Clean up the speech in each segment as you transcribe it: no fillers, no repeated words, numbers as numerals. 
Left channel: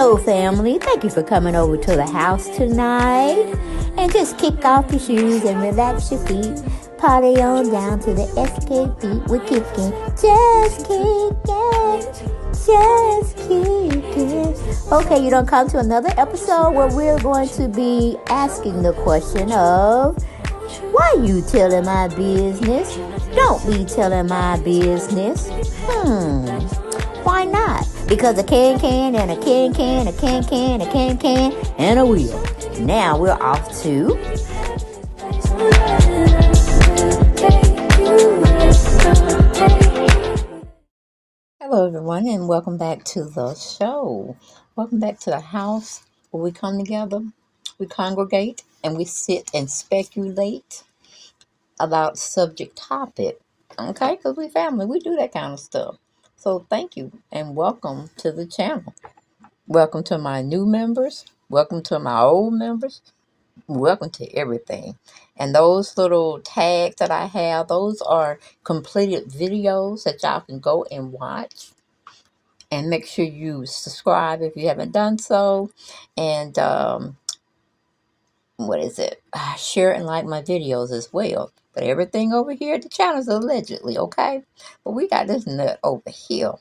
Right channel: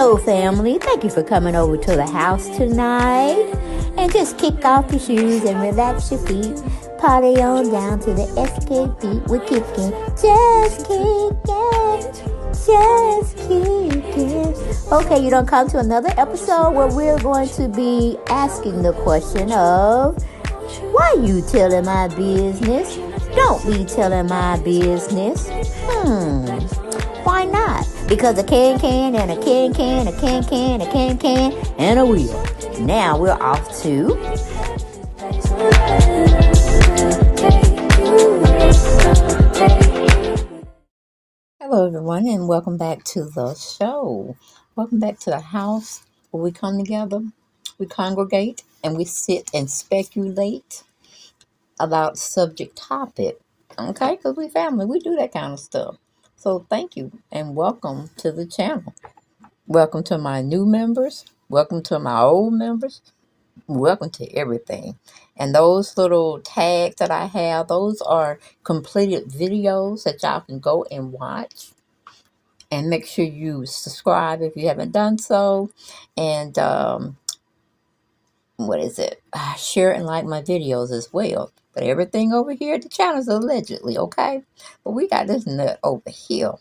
Hello, family. Thank you for coming over to the house tonight. And just kick off your shoes and relax your feet. Party on down to the Xscape beat. We're kicking, just kicking, just kicking. Okay, you don't come to another episode where we're going to be asking the question of, why you telling my business? Don't be telling my business. Why not? Because a can and a can, a can, and a wheel. Now we're off to... Hello everyone, and welcome back to the show. Welcome back to the house where we come together, we congregate, and we sit and speculate about subject topic. Okay? Because we family, we do that kind of stuff. So thank you and welcome to the channel. Welcome to my new members. Welcome to my old members. Welcome to everything. And those little tags that I have, those are completed videos that y'all can go and watch. And make sure you subscribe if you haven't done so. And share and like my videos as well. But everything over here at the channel is allegedly, okay? But we got this nut over here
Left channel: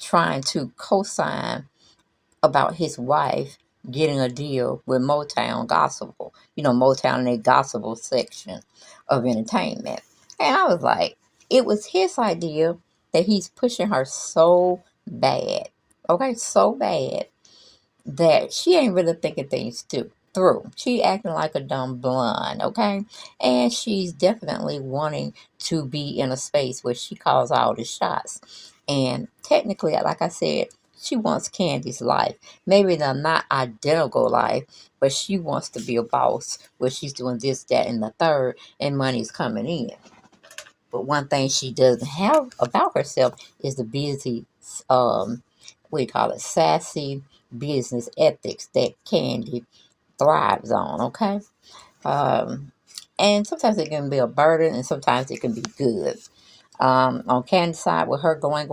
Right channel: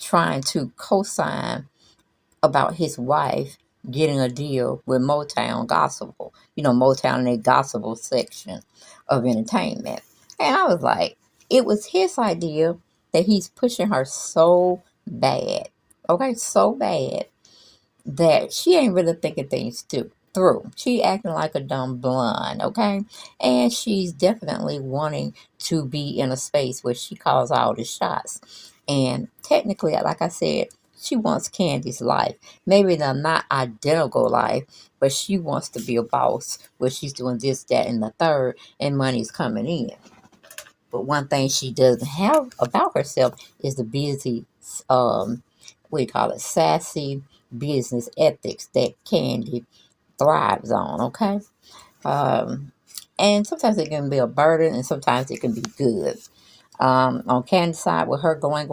trying to co-sign about his wife getting a deal with Motown Gospel. You know, Motown in their gospel section of entertainment. And I was like, it was his idea that he's pushing her so bad. Okay, so bad that she ain't really thinking things through. She acting like a dumb blonde, okay? And she's definitely wanting to be in a space where she calls all the shots. And technically, like I said, she wants Candy's life. Maybe they're not identical life, but she wants to be a boss where she's doing this, that, and the third, and money's coming in. But one thing she doesn't have about herself is the busy, sassy business ethics that Candy thrives on, okay? And sometimes it can be a burden, and sometimes it can be good. On Candy's side, with her going,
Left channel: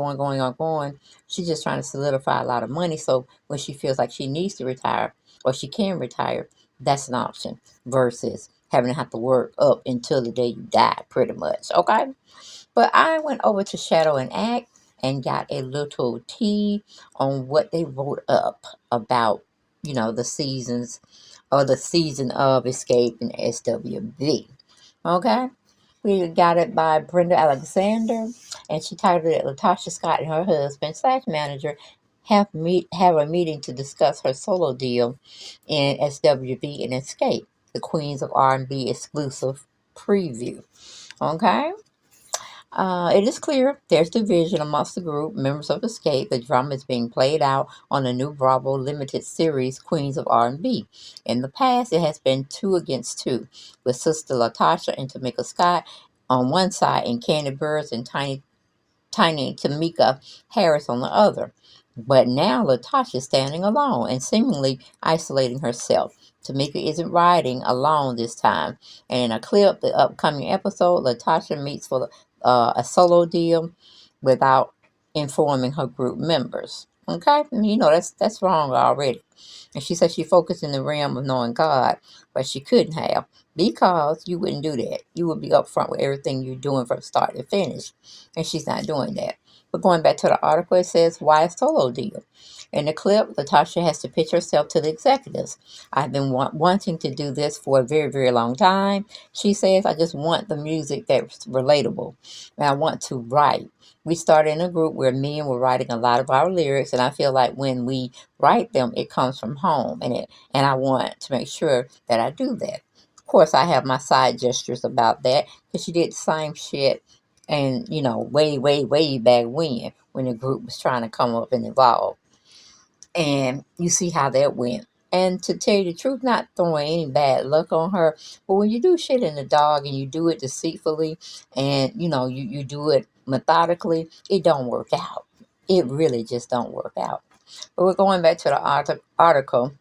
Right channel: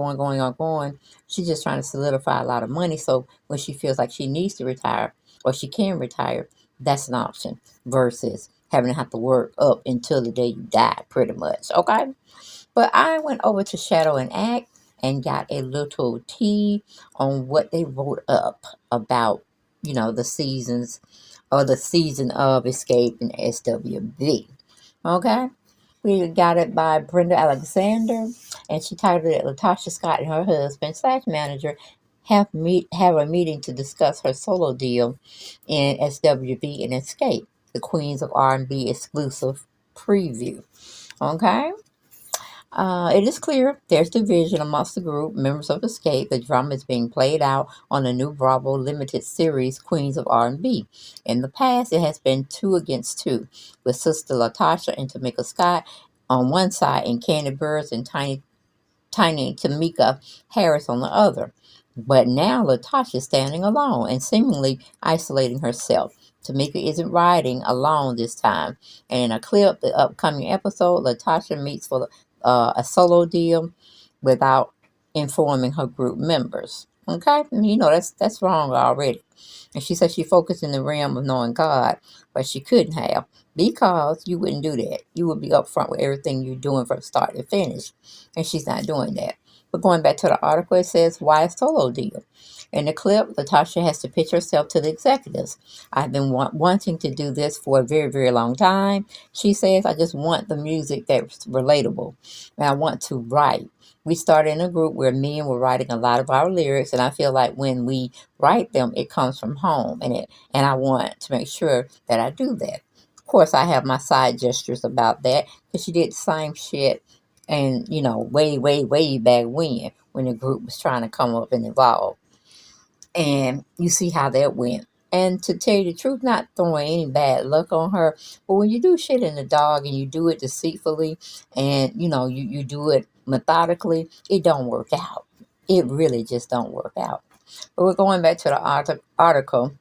she's just trying to solidify a lot of money, so when she feels like she needs to retire, or she can retire, that's an option, versus having to have to work up until the day you die, pretty much, okay? But I went over to Shadow and Act and got a little tea on what they wrote up about, you know, the seasons, or the season of Xscape and SWV. Okay? We got it by Brenda Alexander, and she titled it, Latasha Scott and her husband / manager have a meeting to discuss her solo deal in SWV and Xscape, the Queens of R&B exclusive preview. Okay? It is clear there's division amongst the group members of Xscape. The drama is being played out on the new Bravo limited series Queens of R&B. In the past, it has been 2 against 2, with sister Latasha and Tamika Scott on one side and KandiBurruss and Tiny and Tamika Harris on the other. But now Latasha is standing alone and seemingly isolating herself. Tamika isn't riding alone this time. And in a clip, the upcoming episode, Latasha meets for a solo deal without informing her group members. Okay? You know, that's wrong already. And she said she focused in the realm of knowing God, but she couldn't have, because you wouldn't do that. You would be upfront with everything you're doing from start to finish. And she's not doing that. But going back to the article, it says, why a solo deal? In the clip, Latasha has to pitch herself to the executives. I've been wanting to do this for a very, very long time. She says, I just want the music that's relatable. And I want to write. We started in a group where men were writing a lot of our lyrics, and I feel like when we write them, it comes from home. And I want to make sure that I do that. Of course, I have my side gestures about that, because she did the same shit, and, you know, way back when the group was trying to come up and evolve. And you see how that went. And to tell you the truth, not throwing any bad luck on her, but when you do shit in the dog and you do it deceitfully, and, you know, you do it methodically, it don't work out. It really just don't work out. But we're going back to the article.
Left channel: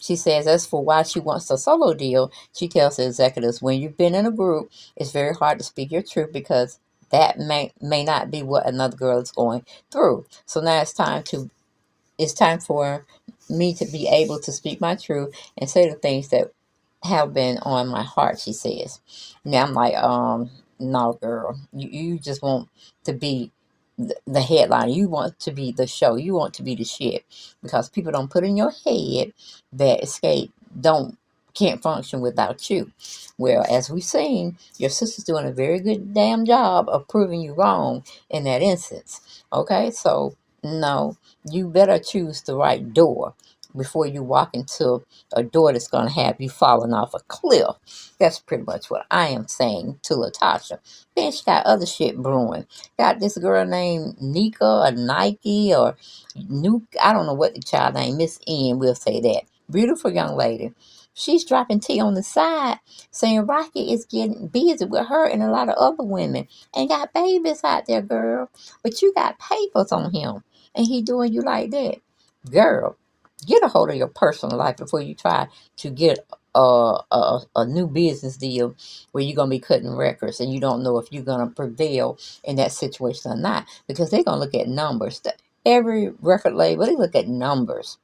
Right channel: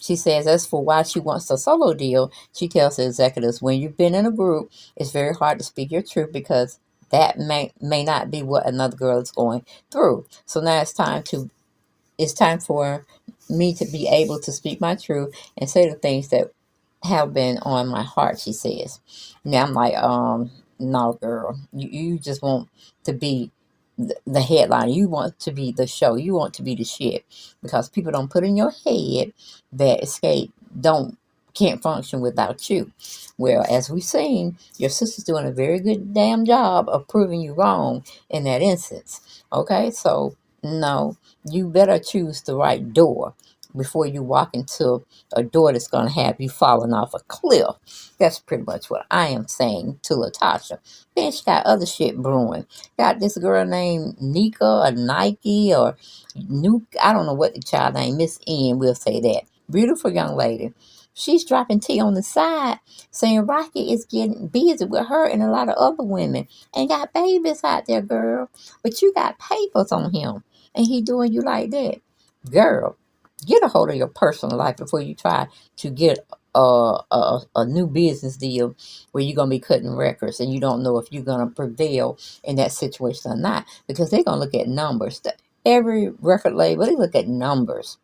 She says, as for why she wants a solo deal, she tells the executives, when you've been in a group, it's very hard to speak your truth, because that may not be what another girl is going through. So now it's time to it's time for me to be able to speak my truth and say the things that have been on my heart, she says. Now I'm like, no, girl, you just want to be the headline. You want to be the show. You want to be the shit because people don't put in your head that Xscape don't can't function without you. Well, as we've seen, your sister's doing a very good damn job of proving you wrong in that instance. Okay, so no, you better choose the right door before you walk into a door that's going to have you falling off a cliff. That's pretty much what I am saying to Latasha. Then she got other shit brewing. Got this girl named Nika or Nike or Nuke. I don't know what the child name. Miss N, we'll say that. Beautiful young lady. She's dropping tea on the side saying Rocky is getting busy with her and a lot of other women and got babies out there, girl. But you got papers on him and he doing you like that. Girl, get a hold of your personal life before you try to get a new business deal where you're going to be cutting records and you don't know if you're going to prevail in that situation or not because they're going to look at numbers. Every record label, they look at numbers.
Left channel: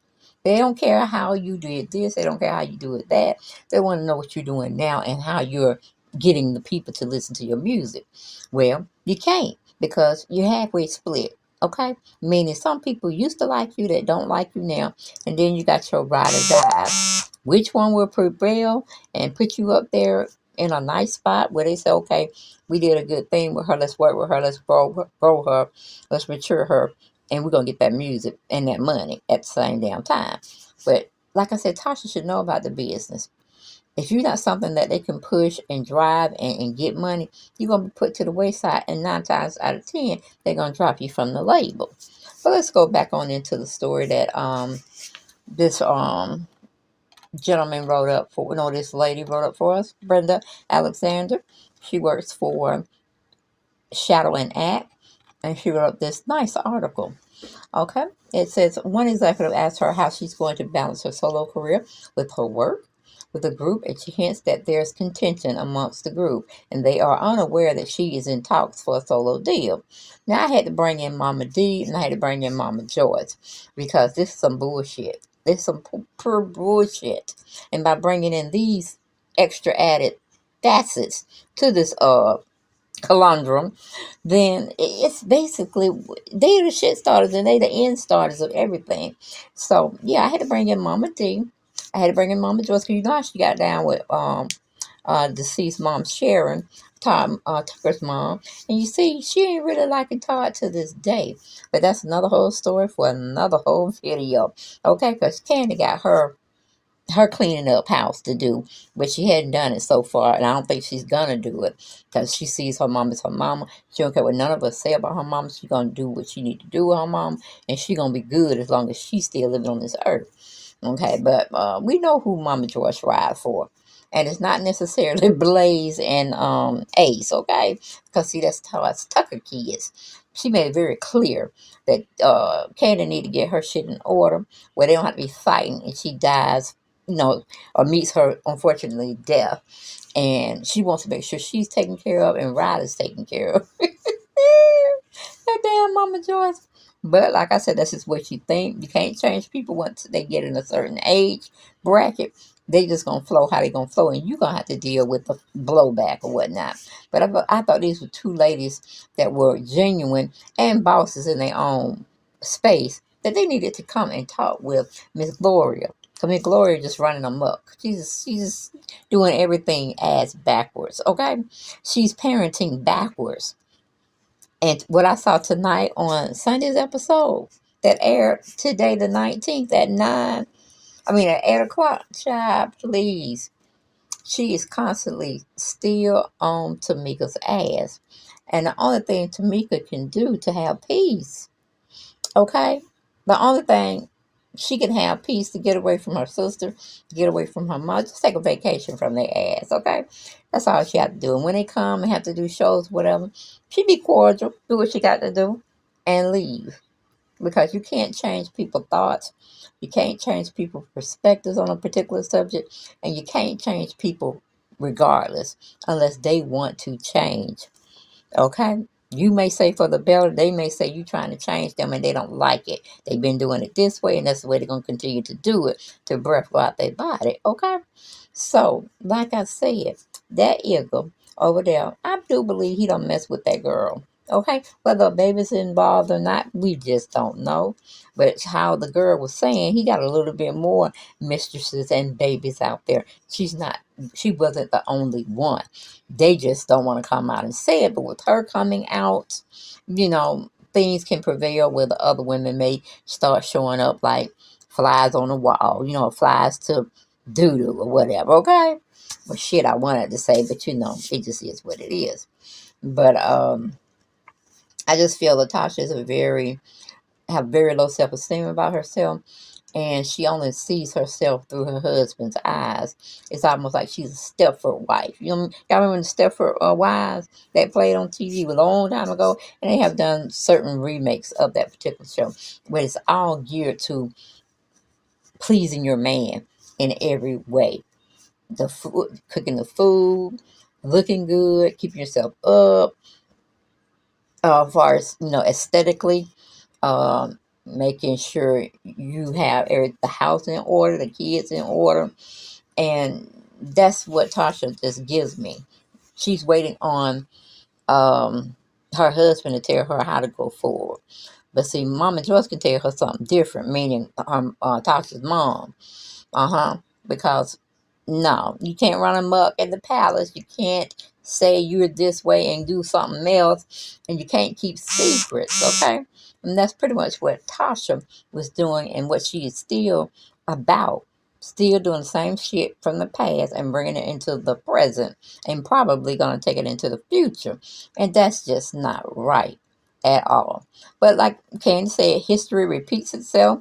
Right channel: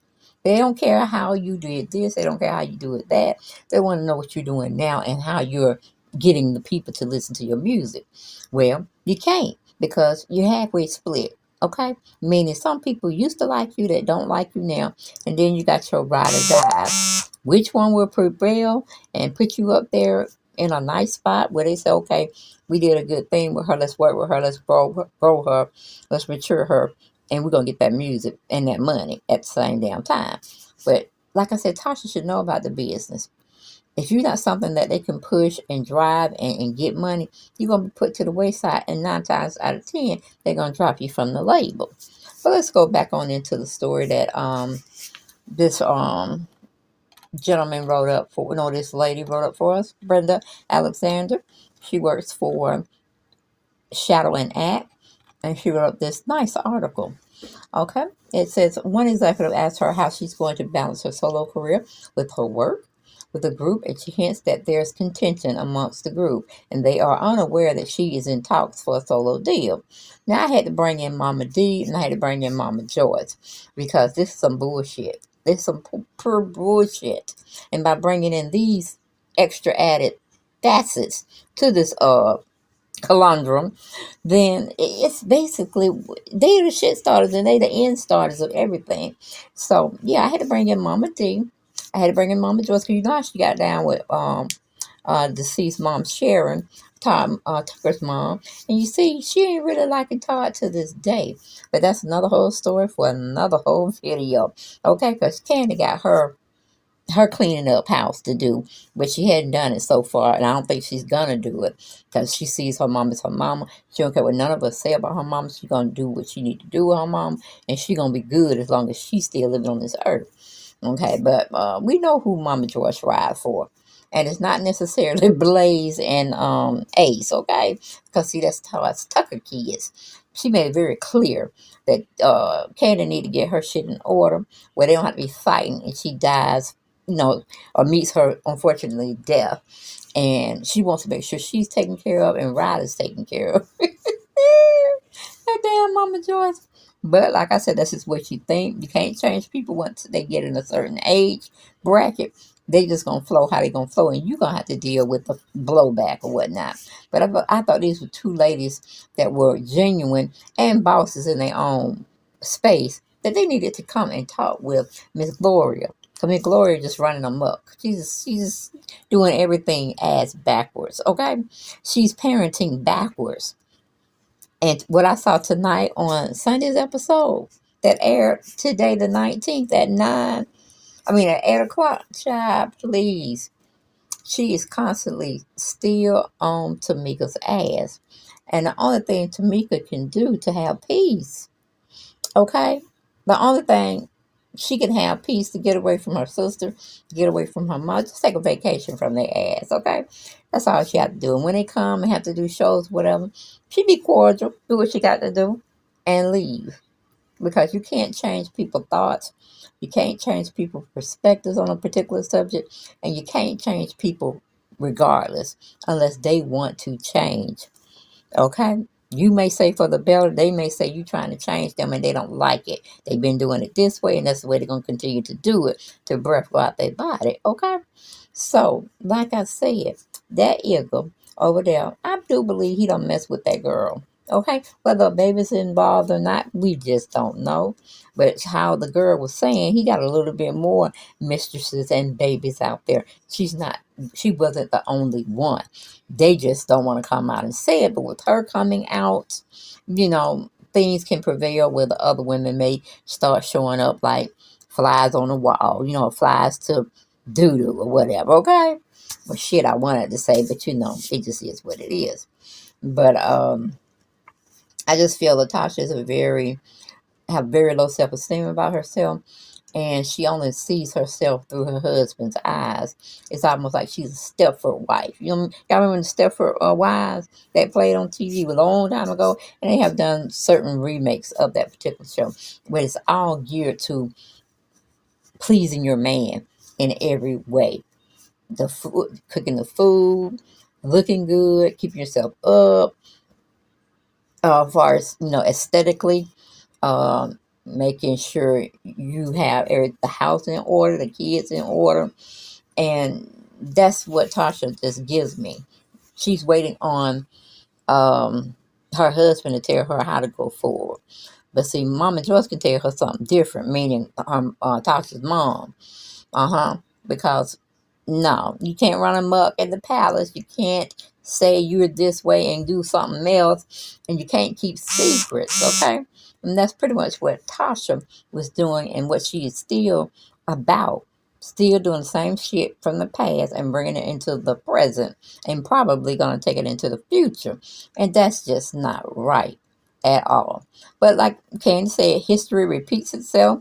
They don't care how you did this. They don't care how you do it that. They want to know what you're doing now and how you're getting the people to listen to your music. Well, you can't because you're halfway split. Okay? Meaning some people used to like you that don't like you now. And then you got your ride or die. Which one will prevail and put you up there in a nice spot where they say, okay, we did a good thing with her. Let's work with her. Let's grow her. Let's mature her. And we're going to get that music and that money at the same damn time. But like I said, Tasha should know about the business. If you're not something that they can push and drive and get money, you're going to be put to the wayside. And 9 times out of 10, they're going to drop you from the label. So let's go back on into the story that this gentleman wrote up for, this lady wrote up for us, Brenda Alexander. She works for Shadow and Act. And she wrote up this nice article. Okay. It says one executive asked her how she's going to balance her solo career with her work with the group, and she hints that there's contention amongst the group, and they are unaware that she is in talks for a solo deal. Now, I had to bring in Mama D, and I had to bring in Mama Joyce, because this is some bullshit. This is some pure bullshit. And by bringing in these extra added facets to this conundrum, then it's basically they're the shit starters and they the end starters of everything. So yeah, I had to bring in Mama D. I had to bring in Mama Joyce because you know she got down with deceased mom Sharon, Tucker's mom, and you see she ain't really liking Todd to this day. But that's another whole story for another whole video. Okay, because Kandi got her cleaning up house to do, but she hadn't done it so far, and I don't think she's gonna do it because she sees her mom as her mama. She don't care what none of us say about her mama. She's gonna do what she need to do with her mom, and she gonna be good as long as she's still living on this earth. Okay, but we know who Mama George ride for. And it's not necessarily Blaze and Ace, okay? Because, see, that's how us Tucker kids. She made it very clear that Kandi need to get her shit in order where they don't have to be fighting and she dies, or meets her, unfortunately, death. And she wants to make sure she's taken care of and Ryder's taken care of. That damn Mama Joyce. But like I said, that's just what you think. You can't change people once they get in a certain age bracket. They just gonna flow how they gonna flow, and you gonna have to deal with the blowback or whatnot. But I thought these were two ladies that were genuine and bosses in their own space that they needed to come and talk with Miss Gloria. Cause Miss Gloria just running amok. She's just doing everything ass backwards. Okay, she's parenting backwards. And what I saw tonight on Sunday's episode that aired today, the 19th, at 8 o'clock, child, please. She is constantly still on Tamika's ass. And the only thing Tamika can do to have peace, okay? The only thing she can have peace to get away from her sister, get away from her mother, just take a vacation from their ass, okay? That's all she had to do. And when they come and have to do shows, whatever, she be cordial, do what she got to do, and leave. Because you can't change people's thoughts. You can't change people's perspectives on a particular subject. And you can't change people regardless unless they want to change. Okay? You may say for the better, they may say you trying to change them and they don't like it. They've been doing it this way and that's the way they're going to continue to do it to breath go out their body, okay? So, like I said, that eagle over there, I do believe he don't mess with that girl. Okay, whether a baby's involved or not, we just don't know. But it's how the girl was saying, he got a little bit more mistresses and babies out there. She wasn't the only one. They just don't want to come out and say it. But with her coming out, things can prevail where the other women may start showing up like flies on the wall, flies to doo-doo or whatever, okay? Well, shit, I wanted to say, but it just is what it is. But I just feel Latasha is have very low self-esteem about herself, and she only sees herself through her husband's eyes. It's almost like she's a Stepford wife. Y'all remember the Stepford Wives that played on TV a long time ago, and they have done certain remakes of that particular show, but it's all geared to pleasing your man in every way. The food, cooking the food, looking good, keeping yourself up, as far as aesthetically, making sure you have the house in order, the kids in order, and that's what Tasha just gives me. She's waiting on her husband to tell her how to go forward. But see, Mama Joyce can tell her something different, meaning Tasha's mom. Because no, you can't run amok at the palace. You can't say you're this way and do something else, and you can't keep secrets, okay? And that's pretty much what Tasha was doing and what she is still about. Still doing the same shit from the past and bringing it into the present and probably going to take it into the future. And that's just not right at all. But like Kandi said, history repeats itself.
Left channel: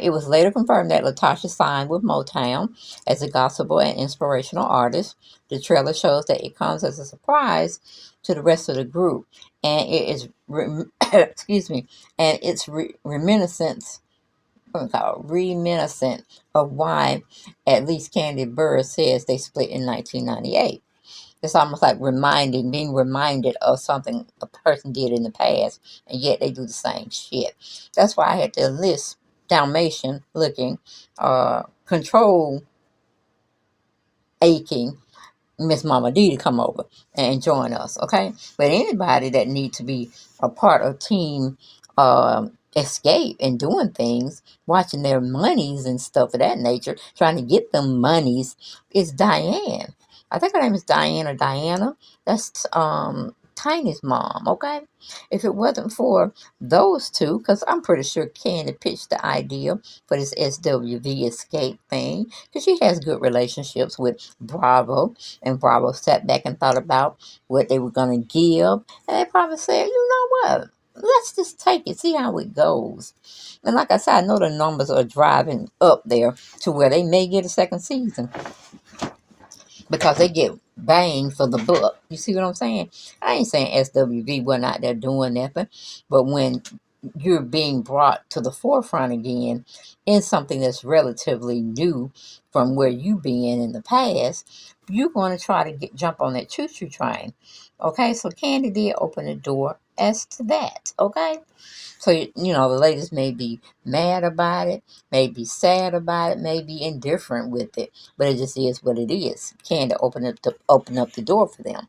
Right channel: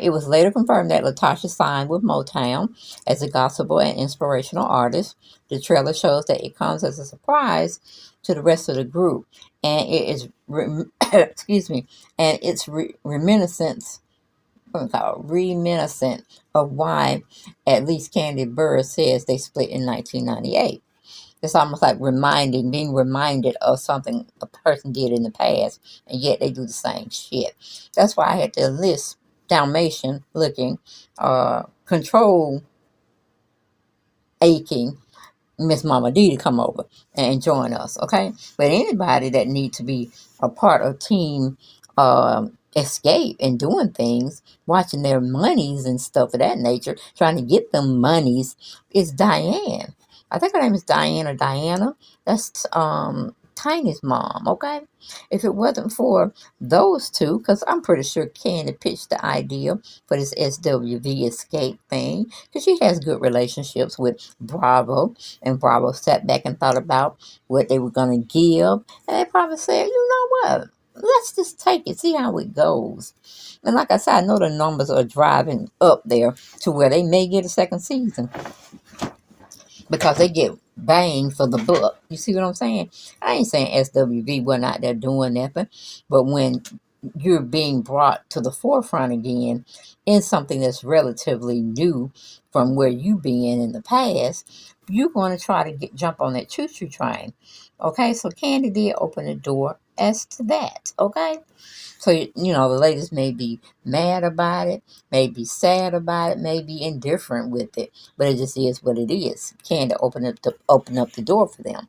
It was later confirmed that Latasha signed with Motown as a gospel and inspirational artist. The trailer shows that it comes as a surprise to the rest of the group, and it is excuse me, and it's reminiscent of why at least KandiBurruss says they split in 1998. It's almost like being reminded of something a person did in the past, and yet they do the same shit. That's why I had to enlist Dalmatian looking, control aching Miss Mama D to come over and join us, okay? But anybody that needs to be a part of Team Xscape and doing things, watching their monies and stuff of that nature, trying to get them monies, is Diane. I think her name is Diane or Diana. That's Tiny's mom, okay? If it wasn't for those two, because I'm pretty sure Kandi pitched the idea for this SWV Xscape thing, because she has good relationships with Bravo, and Bravo sat back and thought about what they were going to give, and they probably said, you know what, let's just take it, see how it goes. And like I said, I know the numbers are driving up there to where they may get a second season, because they get bang for the buck. You see what I'm saying? I ain't saying SWV wasn't out there doing nothing, but when you're being brought to the forefront again in something that's relatively new from where you been in the past, you're going to try to jump on that choo-choo train. Okay, so Kandi did open the door as to that. Okay, so the ladies may be mad about it, may be sad about it, may be indifferent with it, but it just is what it is. Kandi open up the door for them,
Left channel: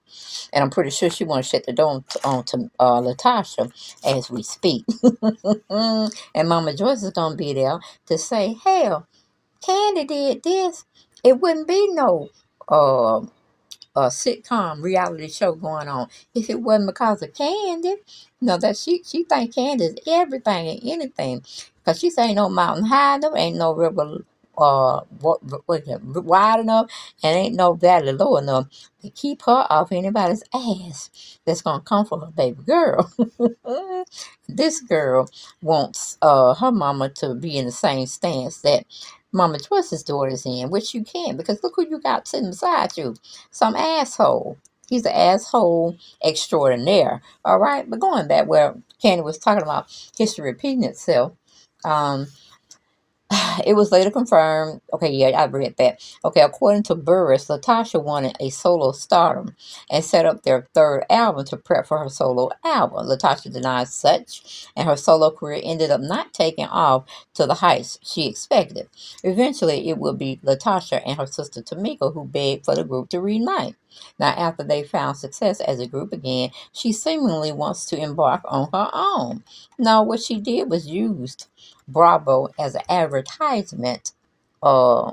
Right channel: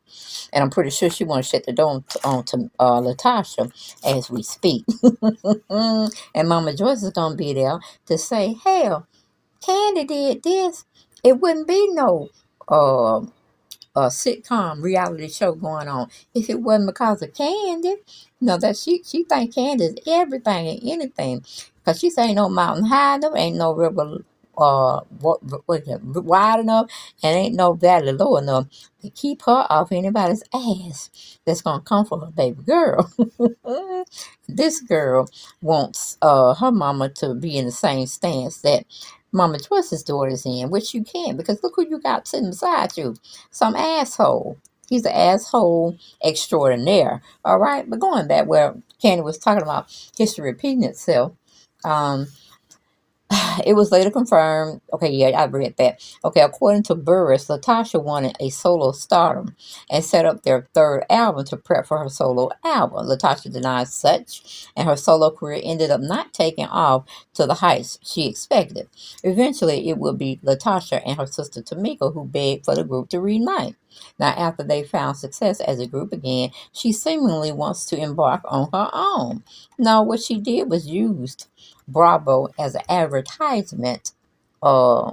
and I'm pretty sure she want to shut the door on to Latasha as we speak. And Mama Joyce is gonna be there to say, "Hell, Kandi did this. It wouldn't be no sitcom reality show going on if it wasn't because of Kandi." That she think Kandi is everything and anything, because she say ain't no mountain high enough, ain't no river wide enough, and ain't no valley low enough to keep her off anybody's ass that's gonna come for her baby girl. This girl wants her mama to be in the same stance that Mama Joyce's daughter's in, which you can, because look who you got sitting beside you. Some asshole. He's an asshole extraordinaire. All right? But going back where Kandi was talking about history repeating itself, It was later confirmed. Okay, yeah, I read that. Okay, according to Burruss, Latasha wanted a solo stardom and set up their third album to prep for her solo album. Latasha denied such, and her solo career ended up not taking off to the heights she expected. Eventually, it would be Latasha and her sister Tamika who begged for the group to reunite. Now, after they found success as a group again, she seemingly wants to embark on her own. Now, what she did was used Bravo as an advertisement uh,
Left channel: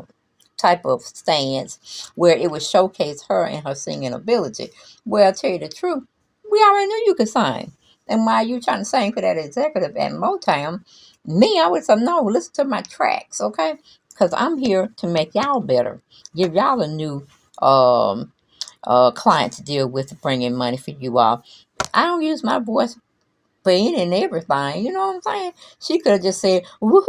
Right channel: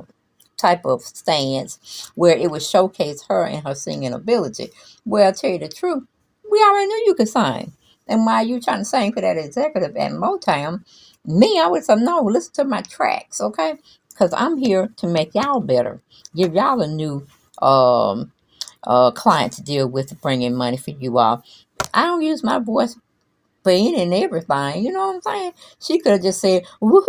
type of stance where it would showcase her and her singing ability. Well, I'll tell you the truth, we already knew you could sing. And while you trying to sing for that executive at Motown, me, I would say, no, listen to my tracks, okay? Because I'm here to make y'all better, give y'all a new client to deal with to bring in money for you all. I don't use my voice for any and everything. You know what I'm saying? She could have just said, woo,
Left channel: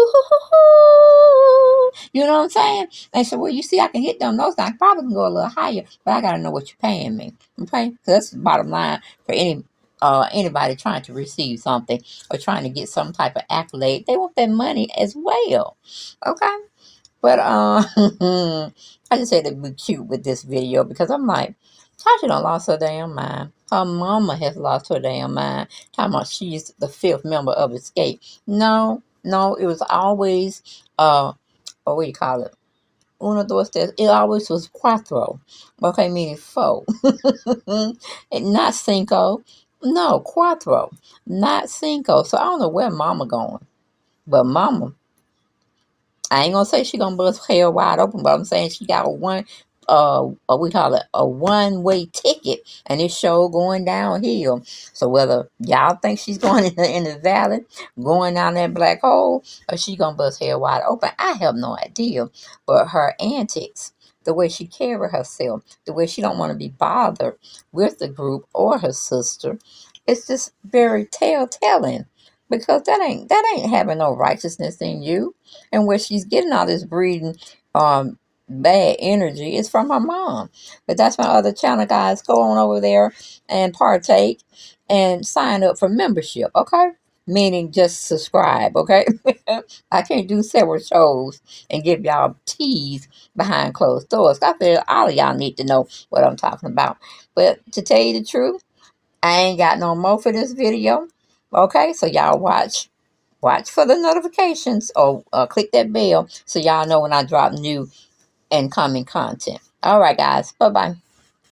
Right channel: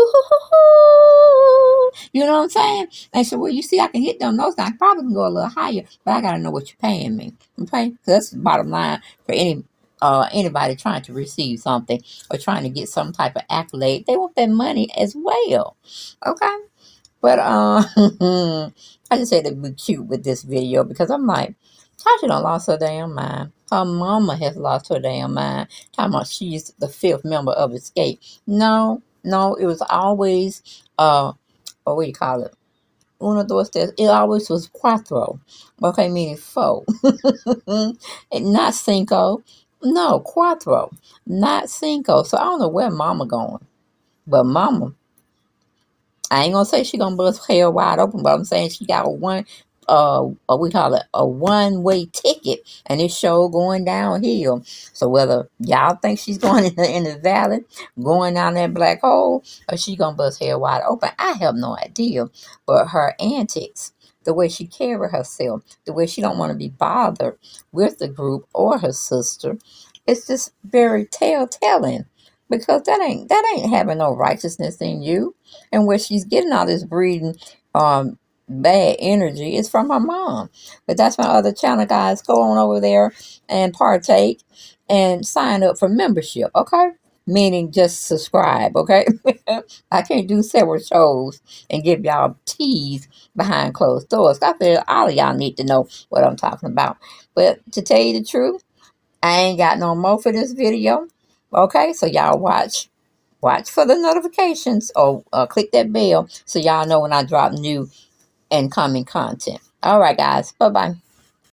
you know what I'm saying? And so, well, you see, I can hit them notes. I probably can go a little higher, but I got to know what you're paying me. Okay? So that's the bottom line for anybody trying to receive something or trying to get some type of accolade. They want that money as well. Okay? But I just had to be cute with this video because I'm like, Tasha done lost her damn mind. Her mama has lost her damn mind. Talking about she's the fifth member of Xscape. No, it was always what do you call it? Uno, dos, tres. It always was cuatro. Okay, meaning four. And not cinco. No, cuatro. Not cinco. So I don't know where mama going. But mama, I ain't gonna say she gonna bust hell wide open, but I'm saying she got we call it a one-way ticket, and it's show going downhill. So whether y'all think she's going in the valley, going down that black hole, or she gonna bust hell wide open, I have no idea. But her antics, the way she carry herself, the way she don't want to be bothered with the group or her sister, it's just very telltale. Because that ain't having no righteousness in you. And where she's getting all this breeding bad energy is from her mom. But that's my other channel, guys. Go on over there and partake and sign up for membership, okay? Meaning just subscribe, okay? I can't do several shows and give y'all teas behind closed doors. I feel all of y'all need to know what I'm talking about. But to tell you the truth, I ain't got no more for this video. Okay, so y'all watch for the notifications or click that bell so y'all know when I drop new and coming content. All right, guys. Bye-bye.